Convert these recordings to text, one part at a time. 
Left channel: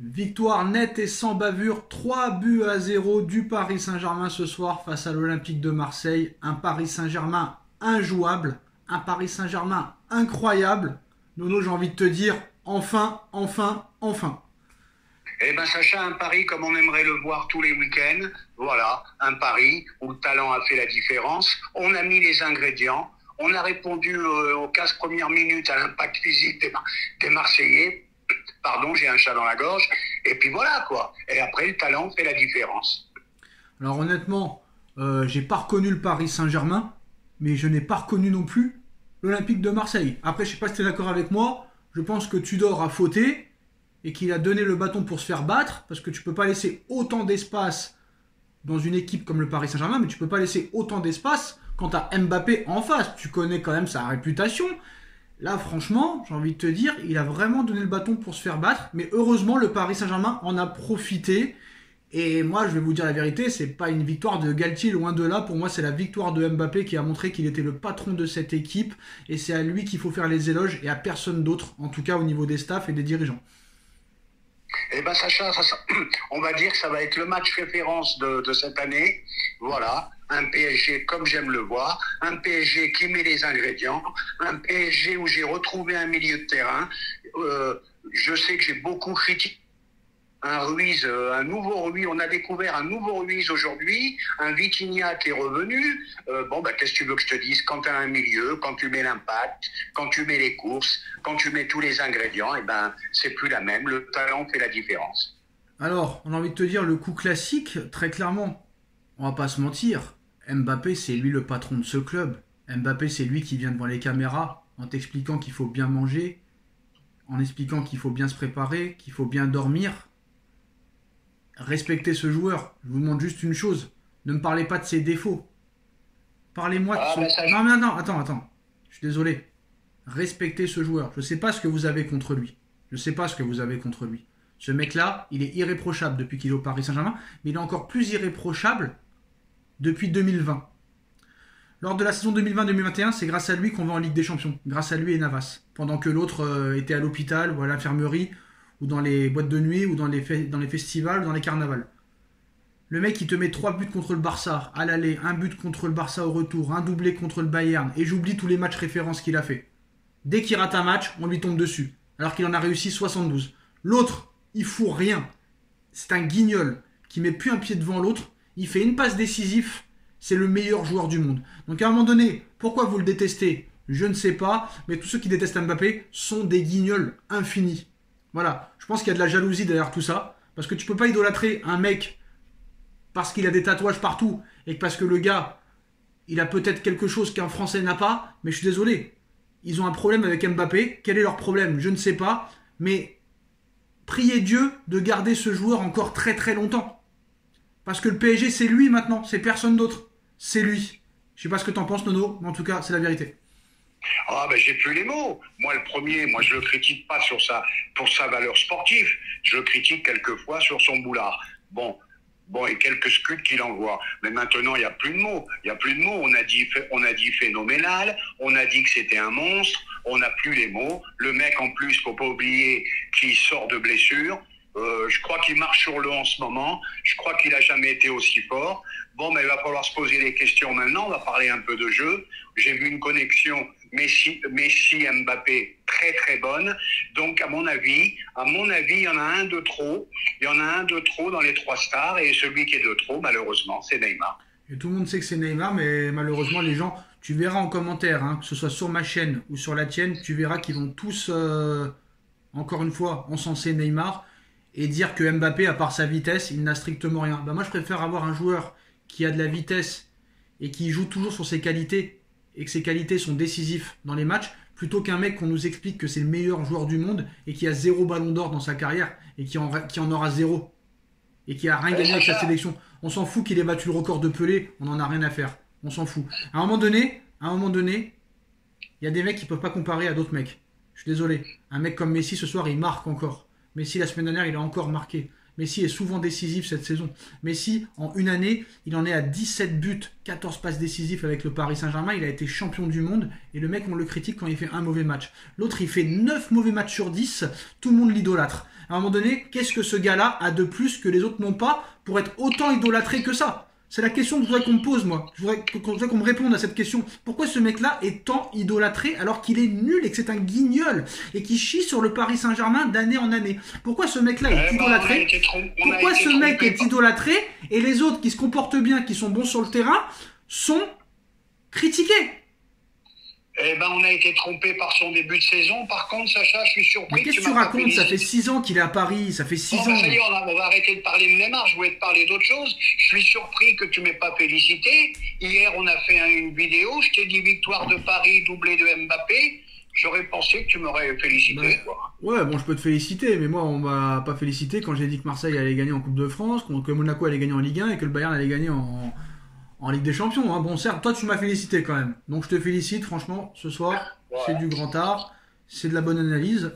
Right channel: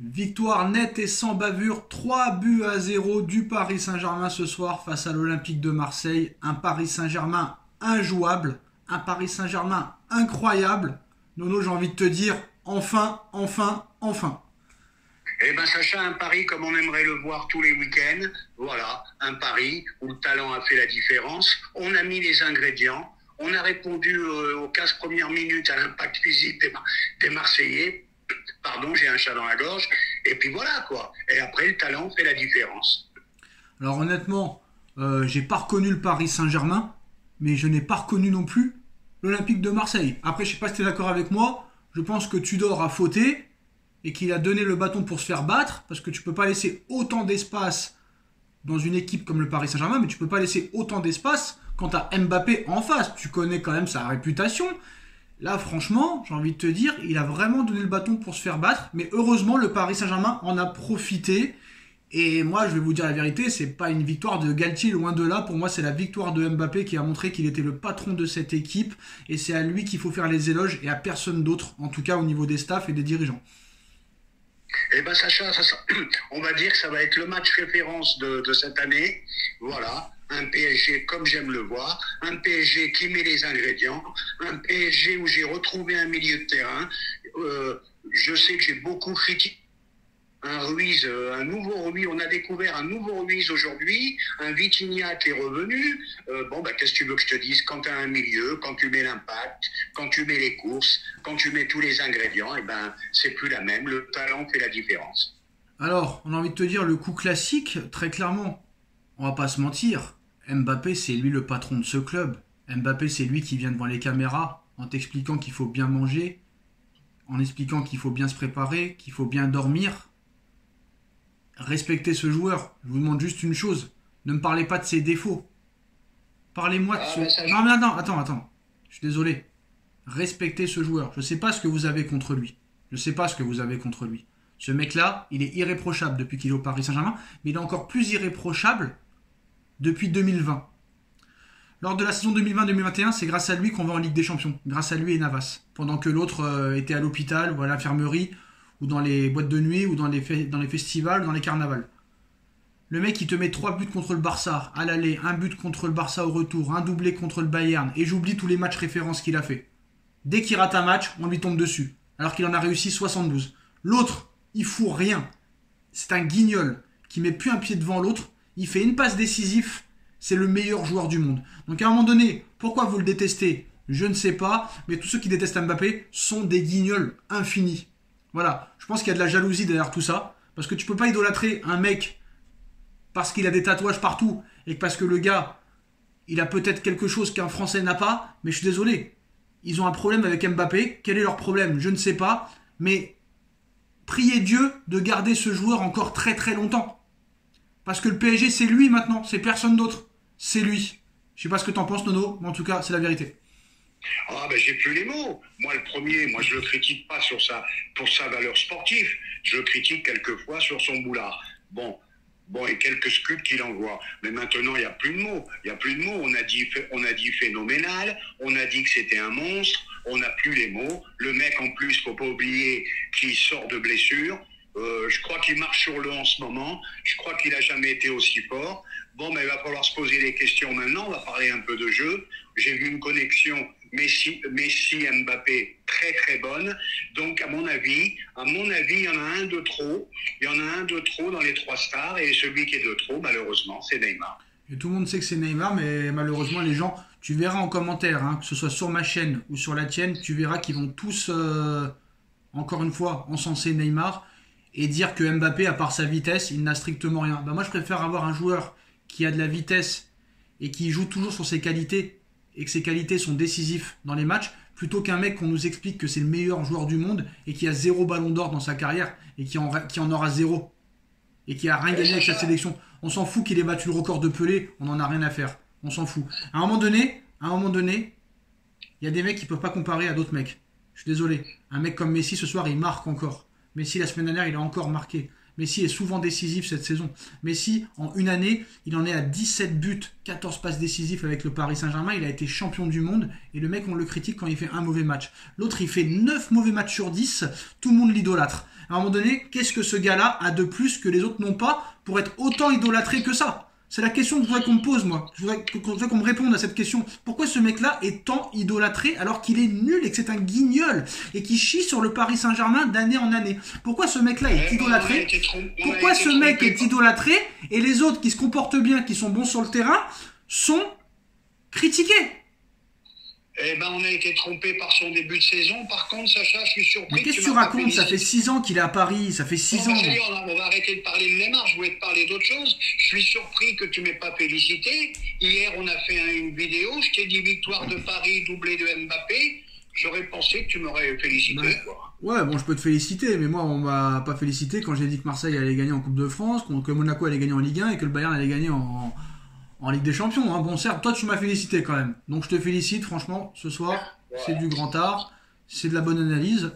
Victoire nette et sans bavure, 3-0 du Paris Saint-Germain ce soir face à l'Olympique de Marseille. Un Paris Saint-Germain injouable, un Paris Saint-Germain incroyable. Nono, j'ai envie de te dire, enfin. Eh ben Sacha, un pari comme on aimerait le voir tous les week-ends. Voilà, un pari où le talent a fait la différence. On a mis les ingrédients. On a répondu aux 15 premières minutes à l'impact physique des Marseillais. Pardon, j'ai un chat dans la gorge. Et puis voilà quoi. Et après, le talent fait la différence. Alors honnêtement, j'ai pas reconnu le Paris Saint-Germain, mais je n'ai pas reconnu non plus l'Olympique de Marseille. Après, je sais pas si tu es d'accord avec moi. Je pense que Tudor a fauté et qu'il a donné le bâton pour se faire battre, parce que tu peux pas laisser autant d'espace dans une équipe comme le Paris Saint-Germain, mais tu peux pas laisser autant d'espace quand tu as Mbappé en face. Tu connais quand même sa réputation. Là, franchement, j'ai envie de te dire, il a vraiment donné le bâton pour se faire battre, mais heureusement, le Paris Saint-Germain en a profité. Et moi, je vais vous dire la vérité, c'est pas une victoire de Galtier, loin de là. Pour moi, c'est la victoire de Mbappé qui a montré qu'il était le patron de cette équipe. Et c'est à lui qu'il faut faire les éloges et à personne d'autre, en tout cas au niveau des staffs et des dirigeants. Eh ben Sacha, on va dire que ça va être le match référence de cette année. Voilà, un PSG comme j'aime le voir, un PSG qui met les ingrédients, un PSG où j'ai retrouvé un milieu de terrain. Je sais que j'ai beaucoup critiqué un Ruiz, un nouveau Ruiz. On a découvert un nouveau Ruiz aujourd'hui, un Vitinha qui est revenu. Qu'est-ce que tu veux que je te dise? Quand tu as un milieu, quand tu mets l'impact, quand tu mets les courses, quand tu mets tous les ingrédients, c'est plus la même. Le talent fait la différence. Alors, on a envie de te dire le coup classique, très clairement. On va pas se mentir. Mbappé, c'est lui le patron de ce club. Mbappé, c'est lui qui vient devant les caméras en t'expliquant qu'il faut bien manger, en expliquant qu'il faut bien se préparer, qu'il faut bien dormir. Respectez ce joueur. Je vous demande juste une chose. Ne me parlez pas de ses défauts. Parlez-moi de son... Non, attends. Je suis désolé. Respectez ce joueur. Je ne sais pas ce que vous avez contre lui. Ce mec-là, il est irréprochable depuis qu'il est au Paris Saint-Germain, mais il est encore plus irréprochable depuis 2020. Lors de la saison 2020-2021, c'est grâce à lui qu'on va en Ligue des Champions. Grâce à lui et Navas. Pendant que l'autre était à l'hôpital ou à l'infirmerie, ou dans les boîtes de nuit, ou dans les festivals, ou dans les carnavals. Le mec, il te met 3 buts contre le Barça à l'aller, 1 but contre le Barça au retour, un doublé contre le Bayern, et j'oublie tous les matchs références qu'il a fait. Dès qu'il rate un match, on lui tombe dessus, alors qu'il en a réussi 72. L'autre, il fout rien. C'est un guignol qui met plus un pied devant l'autre, il fait une passe décisive, c'est le meilleur joueur du monde. Donc à un moment donné, pourquoi vous le détestez? Je ne sais pas, mais tous ceux qui détestent Mbappé sont des guignols infinis. Voilà, je pense qu'il y a de la jalousie derrière tout ça, parce que tu peux pas idolâtrer un mec parce qu'il a des tatouages partout, et parce que le gars, il a peut-être quelque chose qu'un Français n'a pas, mais je suis désolé, ils ont un problème avec Mbappé. Quel est leur problème? Je ne sais pas, mais priez Dieu de garder ce joueur encore très très longtemps. Parce que le PSG, c'est lui maintenant, c'est personne d'autre, c'est lui. Je sais pas ce que t'en penses, Nono, mais en tout cas, c'est la vérité. J'ai plus les mots. Moi, le premier, je le critique pas pour sa valeur sportive. Je le critique quelquefois sur son boulard. Bon, et quelques sculptes qu'il envoie. Mais maintenant, il n'y a plus de mots. On a dit phénoménal. On a dit que c'était un monstre. On n'a plus les mots. Le mec, en plus, faut pas oublier qu'il sort de blessure. Je crois qu'il marche sur l'eau en ce moment. Je crois qu'il a jamais été aussi fort. Il va falloir se poser des questions maintenant. On va parler un peu de jeu. J'ai vu une connexion Messi-Mbappé très très bonne. Donc à mon avis, il y en a un de trop. Il y en a un de trop dans les 3 stars, et celui qui est de trop, malheureusement, c'est Neymar. Et tout le monde sait que c'est Neymar, mais malheureusement les gens, tu verras en commentaire, que ce soit sur ma chaîne ou sur la tienne, tu verras qu'ils vont tous, encore une fois, encenser Neymar et dire que Mbappé, à part sa vitesse, il n'a strictement rien. Moi je préfère avoir un joueur qui a de la vitesse et qui joue toujours sur ses qualités, et que ses qualités sont décisives dans les matchs, plutôt qu'un mec qu'on nous explique que c'est le meilleur joueur du monde et qui a 0 ballon d'or dans sa carrière et qui en aura 0 et qui a rien gagné avec sa sélection. On s'en fout qu'il ait battu le record de Pelé, on n'en a rien à faire. On s'en fout. À un moment donné, il y a des mecs qui peuvent pas comparer à d'autres mecs. Je suis désolé. Un mec comme Messi ce soir, il marque encore. Messi la semaine dernière, il a encore marqué. Messi est souvent décisif cette saison. Messi, en une année, il en est à 17 buts, 14 passes décisives avec le Paris Saint-Germain. Il a été champion du monde et le mec, on le critique quand il fait un mauvais match. L'autre, il fait 9 mauvais matchs sur 10. Tout le monde l'idolâtre. À un moment donné, qu'est-ce que ce gars-là a de plus que les autres n'ont pas pour être autant idolâtré que ça? C'est la question que je voudrais qu'on me pose, moi. Je voudrais qu'on me réponde à cette question. Pourquoi ce mec-là est tant idolâtré alors qu'il est nul et que c'est un guignol et qui chie sur le Paris Saint-Germain d'année en année? Pourquoi ce mec-là est idolâtré? Pourquoi ce mec est idolâtré et les autres qui se comportent bien, qui sont bons sur le terrain, sont critiqués? Eh ben, on a été trompé par son début de saison. Par contre, Sacha, je suis surpris. Mais qu'est-ce que tu racontes? Ça fait 6 ans qu'il est à Paris. Ça fait 6 ans. Ça y est, on va arrêter de parler de Neymar. Je voulais te parler d'autre chose. Je suis surpris que tu m'aies pas félicité. Hier, on a fait une vidéo. Je t'ai dit victoire de Paris, doublé de Mbappé. J'aurais pensé que tu m'aurais félicité. Ouais, bon, je peux te féliciter, mais moi, on m'a pas félicité quand j'ai dit que Marseille allait gagner en Coupe de France, que Monaco allait gagner en Ligue 1 et que le Bayern allait gagner en Ligue des Champions. Hein. Bon, certes, toi, tu m'as félicité quand même. Donc, je te félicite, franchement, ce soir. Ouais. C'est du grand art. C'est de la bonne analyse.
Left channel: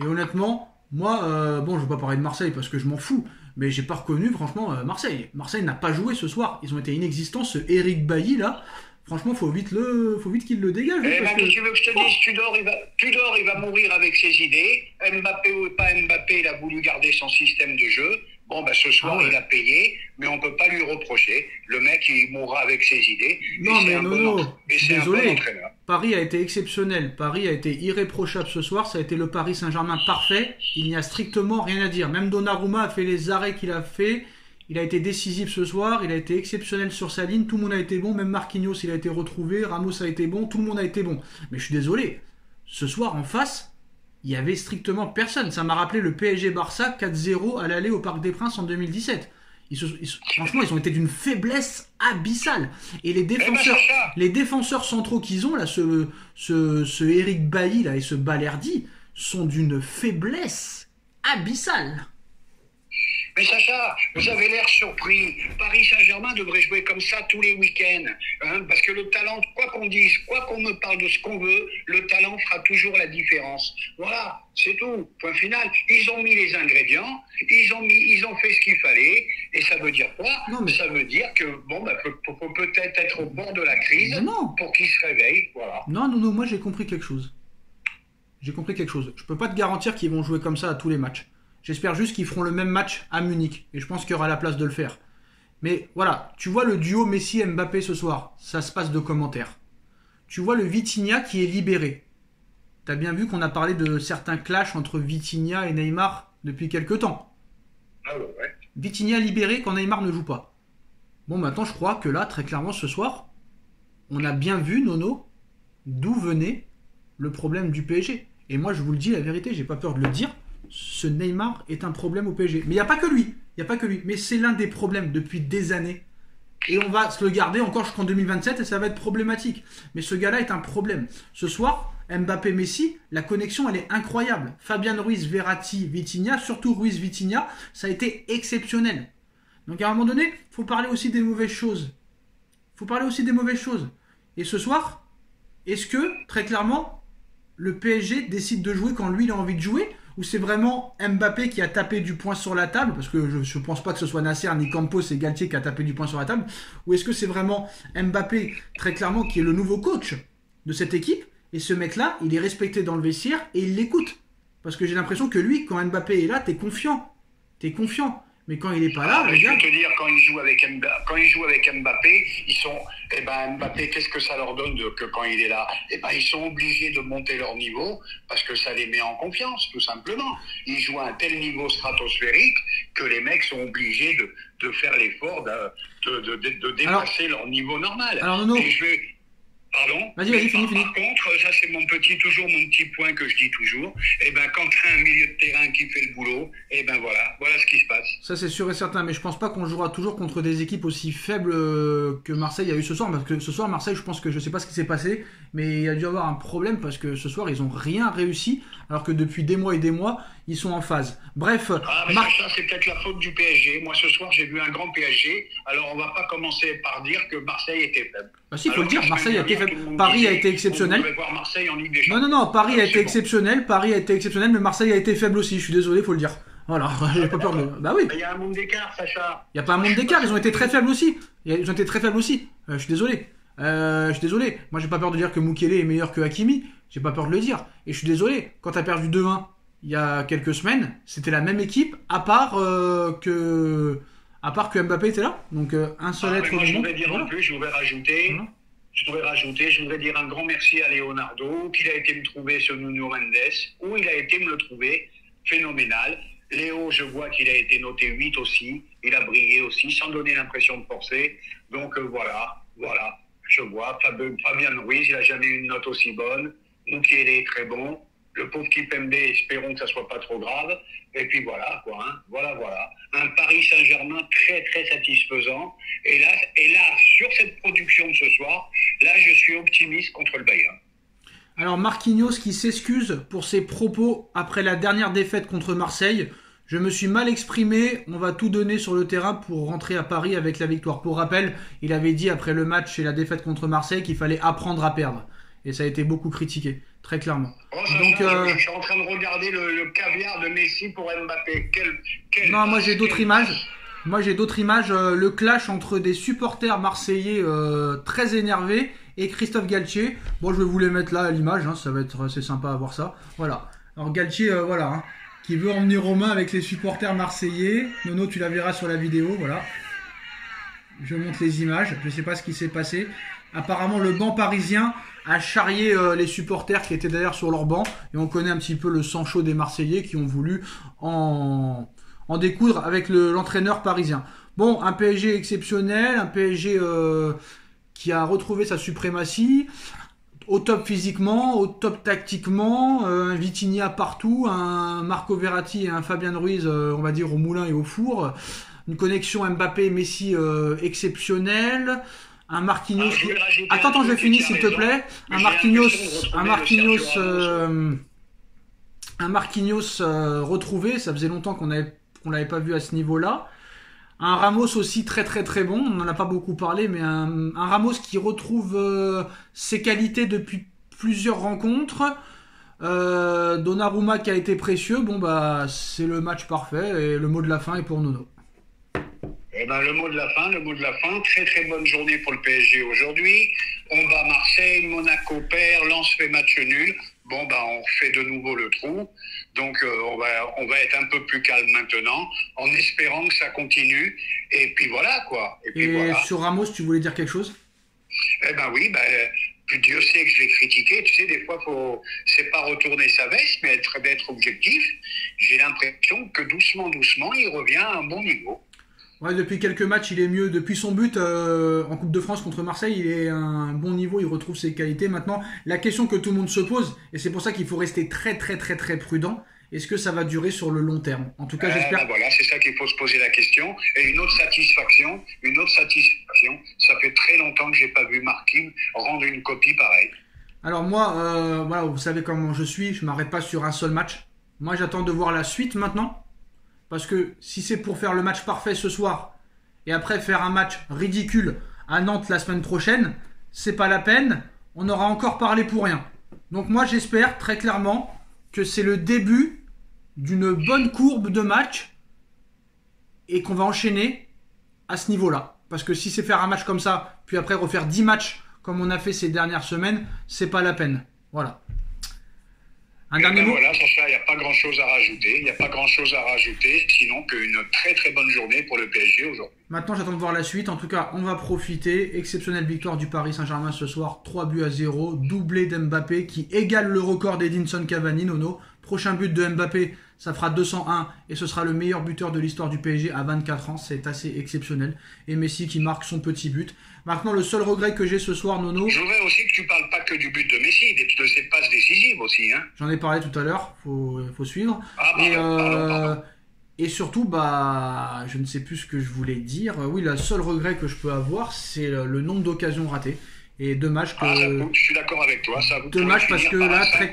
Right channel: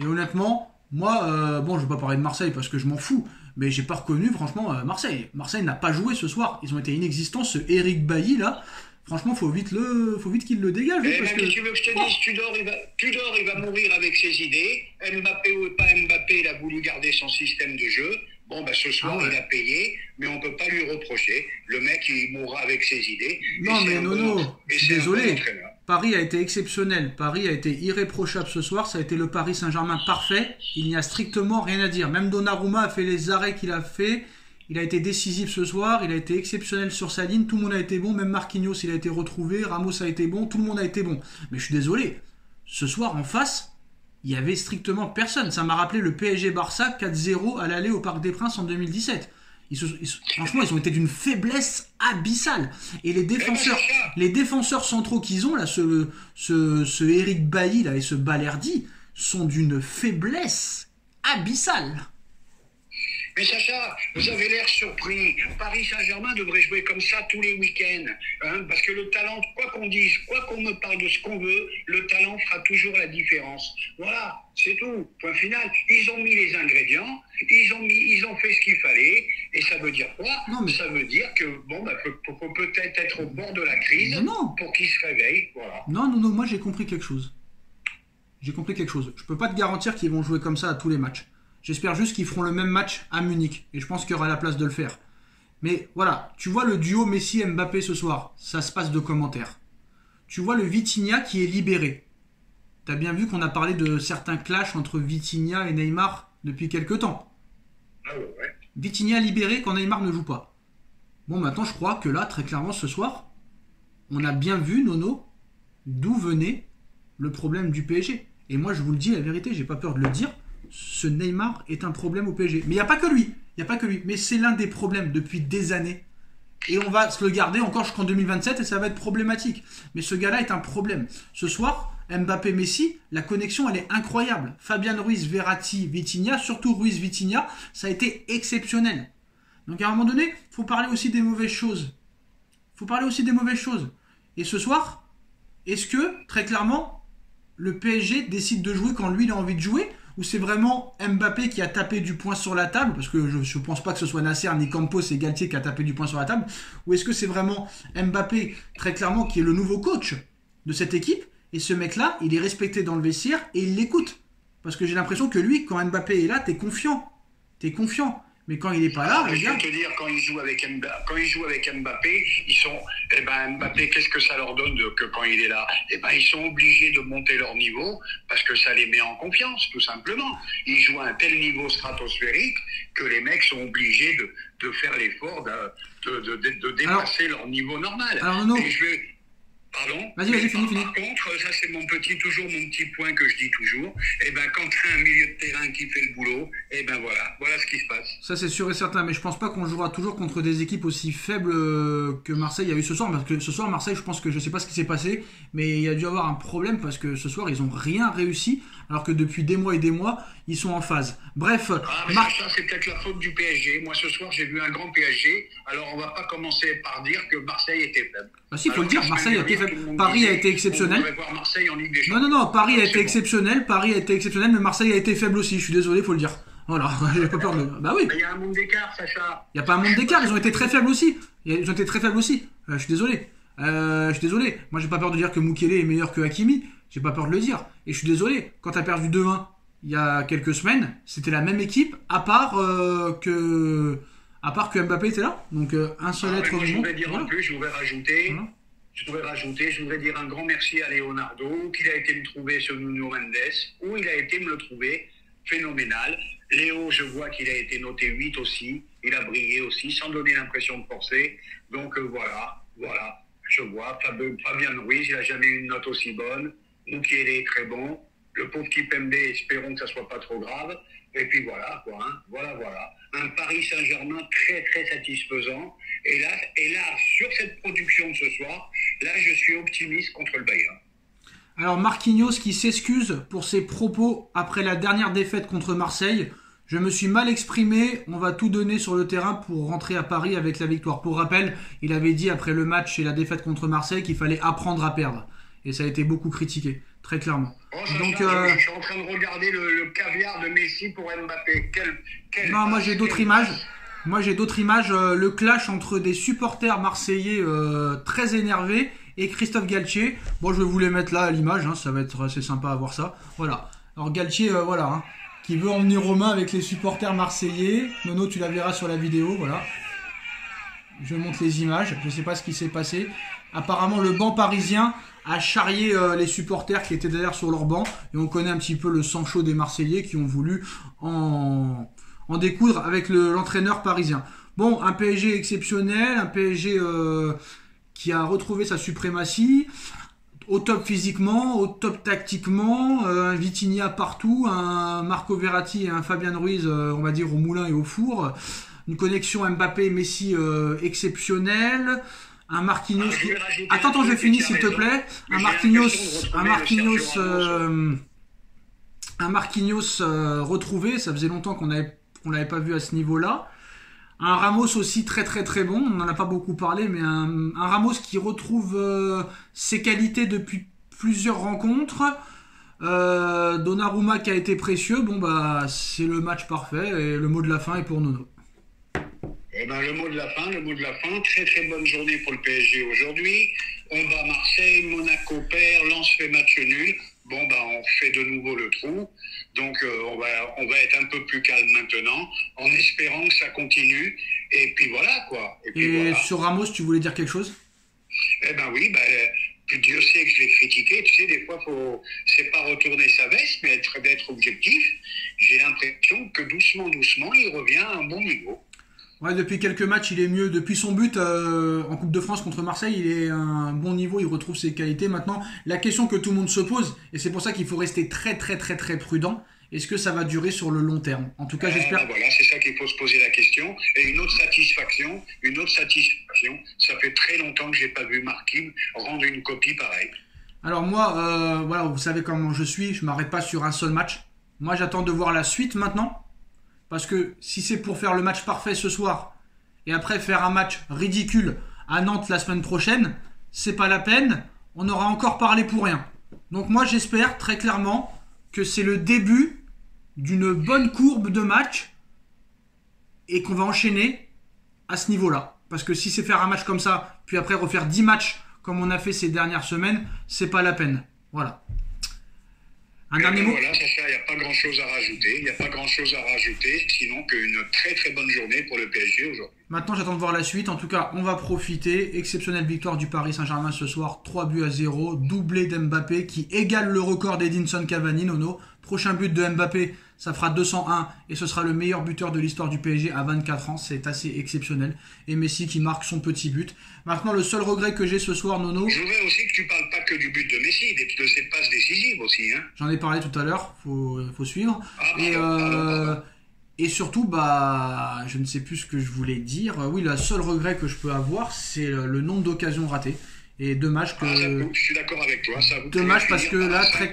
Et honnêtement, moi, bon, je vais pas parler de Marseille parce que je m'en fous. Mais j'ai pas reconnu, franchement, Marseille. Marseille n'a pas joué ce soir. Ils ont été inexistants. Ce Eric Bailly, là, franchement, faut vite qu'il le dégage. Parce que tu veux que je te dise, Tudor, il va mourir avec ses idées. Mbappé ou pas Mbappé, il a voulu garder son système de jeu. Bon, ben ce soir, il a payé, mais on peut pas lui reprocher. Le mec, il mourra avec ses idées. Non, mais Nono, je suis désolé. Paris a été exceptionnel. Paris a été irréprochable ce soir. Ça a été le Paris Saint-Germain parfait. Il n'y a strictement rien à dire. Même Donnarumma a fait les arrêts qu'il a fait. Il a été décisif ce soir. Il a été exceptionnel sur sa ligne. Tout le monde a été bon. Même Marquinhos, il a été retrouvé. Ramos a été bon. Tout le monde a été bon. Mais je suis désolé. Ce soir, en face, il y avait strictement personne. Ça m'a rappelé le PSG-Barça 4-0 à l'aller au Parc des Princes en 2017. Franchement, ils ont été d'une faiblesse abyssale. Et les défenseurs centraux qu'ils ont, là, ce Eric Bailly là, et ce Balerdi, sont d'une faiblesse abyssale. Mais Sacha, vous avez l'air surpris. Paris Saint-Germain devrait jouer comme ça tous les week-ends. Hein, parce que le talent, quoi qu'on dise, quoi qu'on me parle de ce qu'on veut, le talent fera toujours la différence. Voilà, c'est tout. Point final. Ils ont mis les ingrédients, ils ont fait ce qu'il fallait. Et ça veut dire quoi? Ça veut dire que, bon, bah, faut peut-être être au bord de la crise pour qu'ils se réveillent. Voilà. Non, moi j'ai compris quelque chose. Je peux pas te garantir qu'ils vont jouer comme ça à tous les matchs. J'espère juste qu'ils feront le même match à Munich. Et je pense qu'il y aura la place de le faire. Mais voilà, tu vois le duo Messi-Mbappé ce soir. Ça se passe de commentaires. Tu vois le Vitinha qui est libéré. T'as bien vu qu'on a parlé de certains clashs entre Vitinha et Neymar depuis quelques temps. Ah ouais. Vitinha libéré quand Neymar ne joue pas. Bon, maintenant je crois que là, très clairement ce soir, on a bien vu, Nono, d'où venait le problème du PSG. Et moi je vous le dis la vérité, j'ai pas peur de le dire. Ce Neymar est un problème au PSG. Mais il n'y a pas que lui. Mais c'est l'un des problèmes depuis des années. Et on va se le garder encore jusqu'en 2027 et ça va être problématique. Mais ce gars-là est un problème. Ce soir, Mbappé-Messi, la connexion, elle est incroyable. Fabian Ruiz, Verratti, Vitinha, surtout Ruiz, Vitinha, ça a été exceptionnel. Donc à un moment donné, il faut parler aussi des mauvaises choses. Et ce soir, est-ce que, très clairement, le PSG décide de jouer quand lui, il a envie de jouer ? Ou c'est vraiment Mbappé qui a tapé du poing sur la table, parce que je ne pense pas que ce soit Nasser, ni Campos et Galtier qui a tapé du poing sur la table, ou est-ce que c'est vraiment Mbappé, très clairement, qui est le nouveau coach de cette équipe, et ce mec-là, il est respecté dans le vestiaire et il l'écoute. Parce que j'ai l'impression que lui, quand Mbappé est là, t'es confiant. Mais quand il n'est pas là, je peux te dire, quand il joue avec Mbappé, Mbappé, qu'est-ce que ça leur donne que quand il est là? Ils sont obligés de monter leur niveau parce que ça les met en confiance, tout simplement. Ils jouent à un tel niveau stratosphérique que les mecs sont obligés de faire l'effort de dépasser leur niveau normal. Alors, Nono, Pardon? Vas-y, finis. Par contre, ça c'est mon petit point que je dis toujours. Quand tu as un milieu de terrain qui fait le boulot, voilà ce qui se passe. Ça c'est sûr et certain, mais je pense pas qu'on jouera toujours contre des équipes aussi faibles que Marseille a eu ce soir, parce que ce soir Marseille, je sais pas ce qui s'est passé, mais il y a dû avoir un problème parce que ce soir ils ont rien réussi, alors que depuis des mois et des mois ils sont en phase. Bref. Ça c'est peut-être la faute du PSG. Moi ce soir j'ai vu un grand PSG, alors on va pas commencer par dire que Marseille était faible. Bah si, il faut le dire, Marseille a été faible. Paris a été exceptionnel. Non, Paris a été exceptionnel, mais Marseille a été faible aussi, je suis désolé, il faut le dire. Voilà, j'ai pas peur de... Bah oui. Il y a un monde d'écart, Sacha. Il n'y a pas un monde d'écart, ils ont été très faibles aussi. Ils ont été très faibles aussi. Je suis désolé. Je suis désolé. Moi, j'ai pas peur de dire que Mukele est meilleur que Hakimi. J'ai pas peur de le dire. Et je suis désolé. Quand t'as perdu 2-1 il y a quelques semaines, c'était la même équipe, à part que Mbappé était là. Donc un seul être. Moi, je voudrais dire en plus, je voudrais rajouter. Je voudrais dire un grand merci à Leonardo, qu'il a été me trouver ce Nuno Mendes, où il a été me le trouver, phénoménal. Léo, je vois qu'il a été noté 8 aussi, il a brillé aussi, sans donner l'impression de forcer. Donc voilà, je vois. Fabien Ruiz, il n'a jamais eu une note aussi bonne. Mukele est très bon. Le pauvre Kipembe, espérons que ça soit pas trop grave. Et puis voilà, quoi. Hein. Voilà. Un Paris Saint-Germain très, très satisfaisant. Et là, sur cette production de ce soir, là, je suis optimiste contre le Bayern. Alors Marquinhos qui s'excuse pour ses propos après la dernière défaite contre Marseille. Je me suis mal exprimé, on va tout donner sur le terrain pour rentrer à Paris avec la victoire. Pour rappel, il avait dit après le match et la défaite contre Marseille qu'il fallait apprendre à perdre. Et ça a été beaucoup critiqué, très clairement. Donc, je suis en train de regarder le caviar de Messi pour Mbappé. Non, moi j'ai d'autres images. Le clash entre des supporters marseillais très énervés et Christophe Galtier. Bon, je vais vous les mettre là à l'image, hein, ça va être assez sympa à voir ça. Voilà. Alors Galtier, qui veut emmener Romain avec les supporters marseillais. Nono, tu la verras sur la vidéo, voilà. Je montre les images, je ne sais pas ce qui s'est passé. Apparemment, le banc parisien a charrié les supporters qui étaient d'ailleurs sur leur banc. Et on connaît un petit peu le sang chaud des Marseillais qui ont voulu en découdre avec l'entraîneur parisien. Bon, un PSG exceptionnel, un PSG qui a retrouvé sa suprématie, au top physiquement, au top tactiquement, un Vitinha partout, un Marco Verratti et un Fabien Ruiz, on va dire au moulin et au four, une connexion Mbappé-Messi exceptionnelle, un Marquinhos qui... Attends, je finis s'il te plaît. Un Marquinhos retrouvé, ça faisait longtemps qu'on l'avait pas vu à ce niveau-là. Un Ramos aussi très très très bon, on n'en a pas beaucoup parlé, mais un Ramos qui retrouve ses qualités depuis plusieurs rencontres. Donnarumma qui a été précieux, c'est le match parfait et le mot de la fin est pour Nono. Le mot de la fin, très très bonne journée pour le PSG aujourd'hui. On bat Marseille, Monaco perd, Lens fait match nul. On refait de nouveau le trou. Donc on va être un peu plus calme maintenant, en espérant que ça continue. Et puis voilà quoi. Et sur Ramos, tu voulais dire quelque chose ? Oui, Dieu sait que je l'ai critiqué. Tu sais, des fois, c'est pas retourner sa veste, mais d'être objectif. J'ai l'impression que doucement, il revient à un bon niveau. Ouais, depuis quelques matchs, il est mieux. Depuis son but en Coupe de France contre Marseille, il est à un bon niveau, il retrouve ses qualités. Maintenant, la question que tout le monde se pose, et c'est pour ça qu'il faut rester très très très très prudent, est-ce que ça va durer sur le long terme ? En tout cas, j'espère. Voilà, c'est ça qu'il faut se poser la question. Et une autre satisfaction, ça fait très longtemps que j'ai pas vu Marquinhos rendre une copie pareille. Alors moi, vous savez comment je suis, je m'arrête pas sur un seul match. Moi, j'attends de voir la suite maintenant. Parce que si c'est pour faire le match parfait ce soir et après faire un match ridicule à Nantes la semaine prochaine, c'est pas la peine, on aura encore parlé pour rien. Donc moi j'espère très clairement que c'est le début d'une bonne courbe de match et qu'on va enchaîner à ce niveau-là. Parce que si c'est faire un match comme ça, puis après refaire 10 matchs comme on a fait ces dernières semaines, c'est pas la peine. Voilà. Un dernier mot ? Voilà, Sacha, il n'y a pas grand-chose à rajouter. Sinon qu'une très très bonne journée pour le PSG aujourd'hui. Maintenant, j'attends de voir la suite. En tout cas, on va profiter. Exceptionnelle victoire du Paris Saint-Germain ce soir, 3-0, doublé d'Mbappé qui égale le record d'Edinson Cavani, Nono. Prochain but de Mbappé, ça fera 201 et ce sera le meilleur buteur de l'histoire du PSG à 24 ans. C'est assez exceptionnel. Et Messi qui marque son petit but. Maintenant, le seul regret que j'ai ce soir, Nono... Je voudrais aussi que tu parles pas que du but de Messi, de ses passes décisives aussi. Hein. J'en ai parlé tout à l'heure, faut suivre. Pardon. Et surtout, je ne sais plus ce que je voulais dire. Oui, le seul regret que je peux avoir, c'est le nombre d'occasions ratées. Et dommage que... je suis d'accord avec toi. Dommage parce que là, très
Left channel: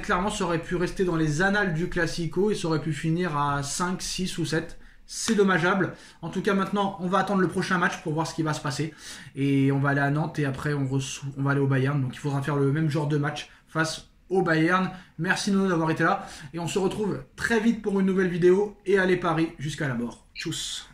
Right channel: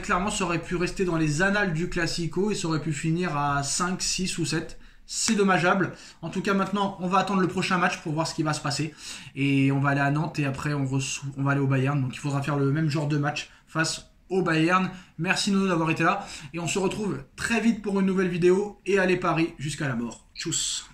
clairement, ça aurait pu rester dans les annales du Classico et ça aurait pu finir à 5, 6 ou 7. C'est dommageable. En tout cas, maintenant, on va attendre le prochain match pour voir ce qui va se passer. Et on va aller à Nantes et après, on va aller au Bayern. Donc, il faudra faire le même genre de match face au Bayern. Merci Nono d'avoir été là. Et on se retrouve très vite pour une nouvelle vidéo. Et allez Paris jusqu'à la mort. Tchuss.